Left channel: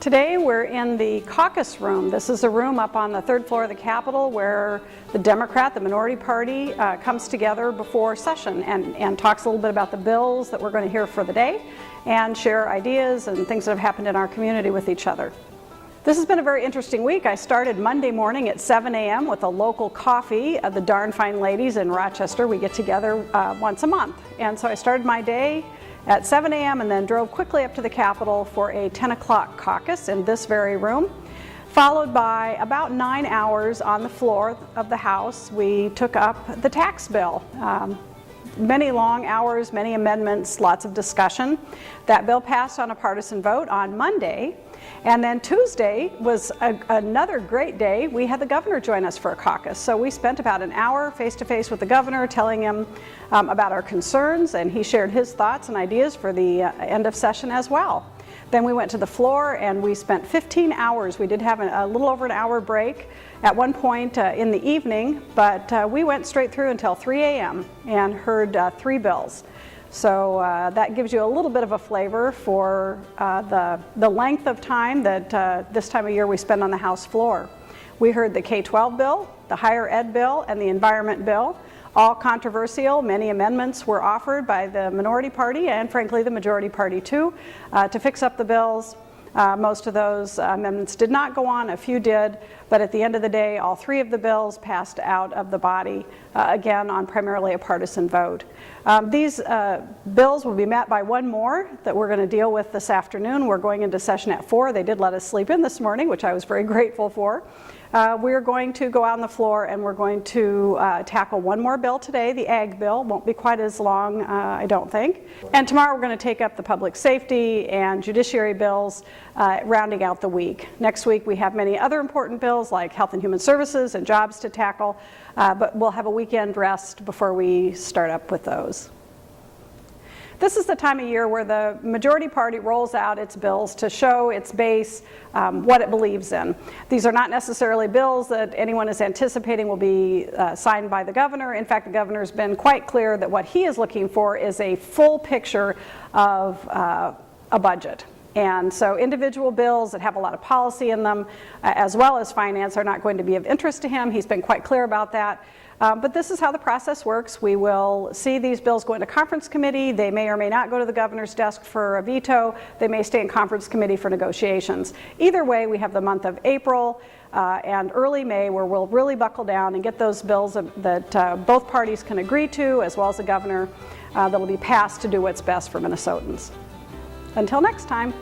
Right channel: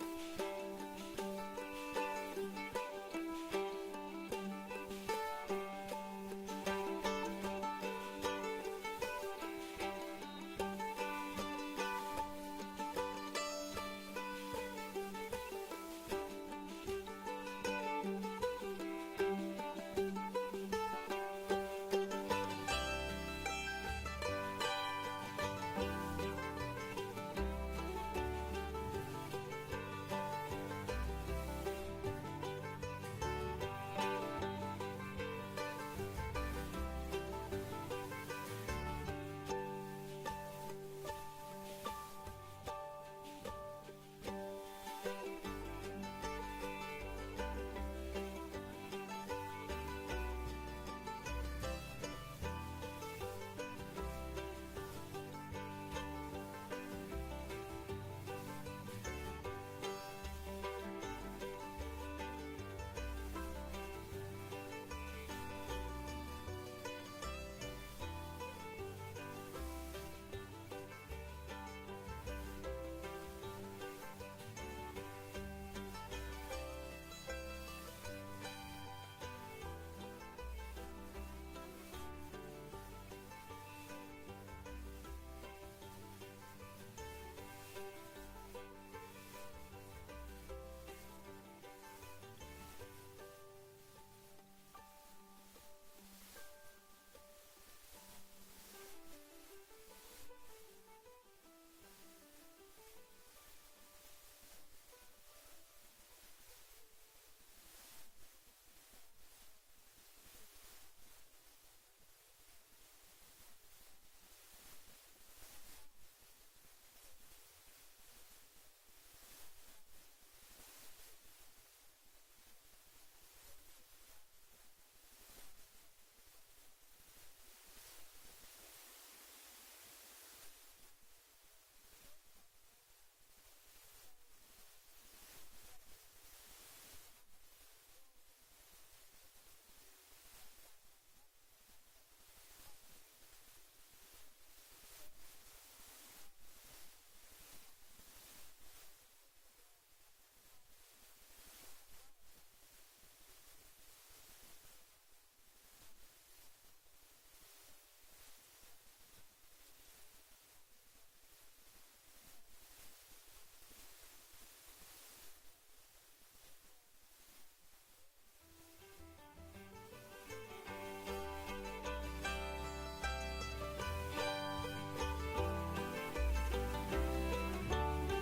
Today we're in the caucus room. This is a room up on the third floor of the Capitol where the Democrat, the minority party, comes together before session and talks a little bit about the bills that we're going to hear for the day and share ideas and things that have happened in our community with each other. This has been a very interesting week. I started Monday morning at 7 a.m. with a local coffee. The Darn Fine Ladies in Rochester, we get together once a month. And so I started my day at 7 a.m. and then drove quickly up to the Capitol for a 10 o'clock caucus in this very room, followed by about 9 hours on the floor of the House. We took up the tax bill. Many long hours, many amendments, lots of discussion. That bill passed on a partisan vote on Monday. And then Tuesday was another great day. We had the governor join us for a caucus. So we spent about an hour face-to-face with the governor telling him about our concerns, and he shared his thoughts and ideas for the end of session as well. Then we went to the floor and we spent 15 hours. We did have a little over an hour break at one point in the evening, but we went straight through until 3 a.m. and heard 3 bills. So that gives you a little bit of a flavor for the length of time that this time of year we spend on the House floor. We heard the K-12 bill, the higher ed bill, and the environment bill, all controversial. Many amendments were offered by the minority party and frankly the majority party too to fix up the bills. Most of those amendments did not go on, a few did, but at the end of the day all 3 of the bills passed out of the body, again on primarily a partisan vote. These bills will be met by one more that we're going to deal with this afternoon. We're going into session at 4. They did let us sleep in this morning, which I was very grateful for. We're going to go out on the floor and we're going to tackle one more bill today, the Ag bill. Won't be quite as long, I don't think. And tomorrow we're going to take up the public safety and judiciary bills, rounding out the week. Next week we have many other important bills like health and human services and jobs to tackle, but we'll have a weekend rest before we start up with those. This is the time of year where the majority party rolls out its bills to show its base what it believes in. These are not necessarily bills that anyone is anticipating will be signed by the governor. In fact, the governor's been quite clear that what he is looking for is a full picture of a budget. And so individual bills that have a lot of policy in them, as well as finance, are not going to be of interest to him. He's been quite clear about that. But this is how the process works. We will see these bills go into conference committee. They may or may not go to the governor's desk for a veto. They may stay in conference committee for negotiations. Either way, we have the month of April and early May where we'll really buckle down and get those bills that both parties can agree to, as well as the governor, that will be passed to do what's best for Minnesotans. Until next time.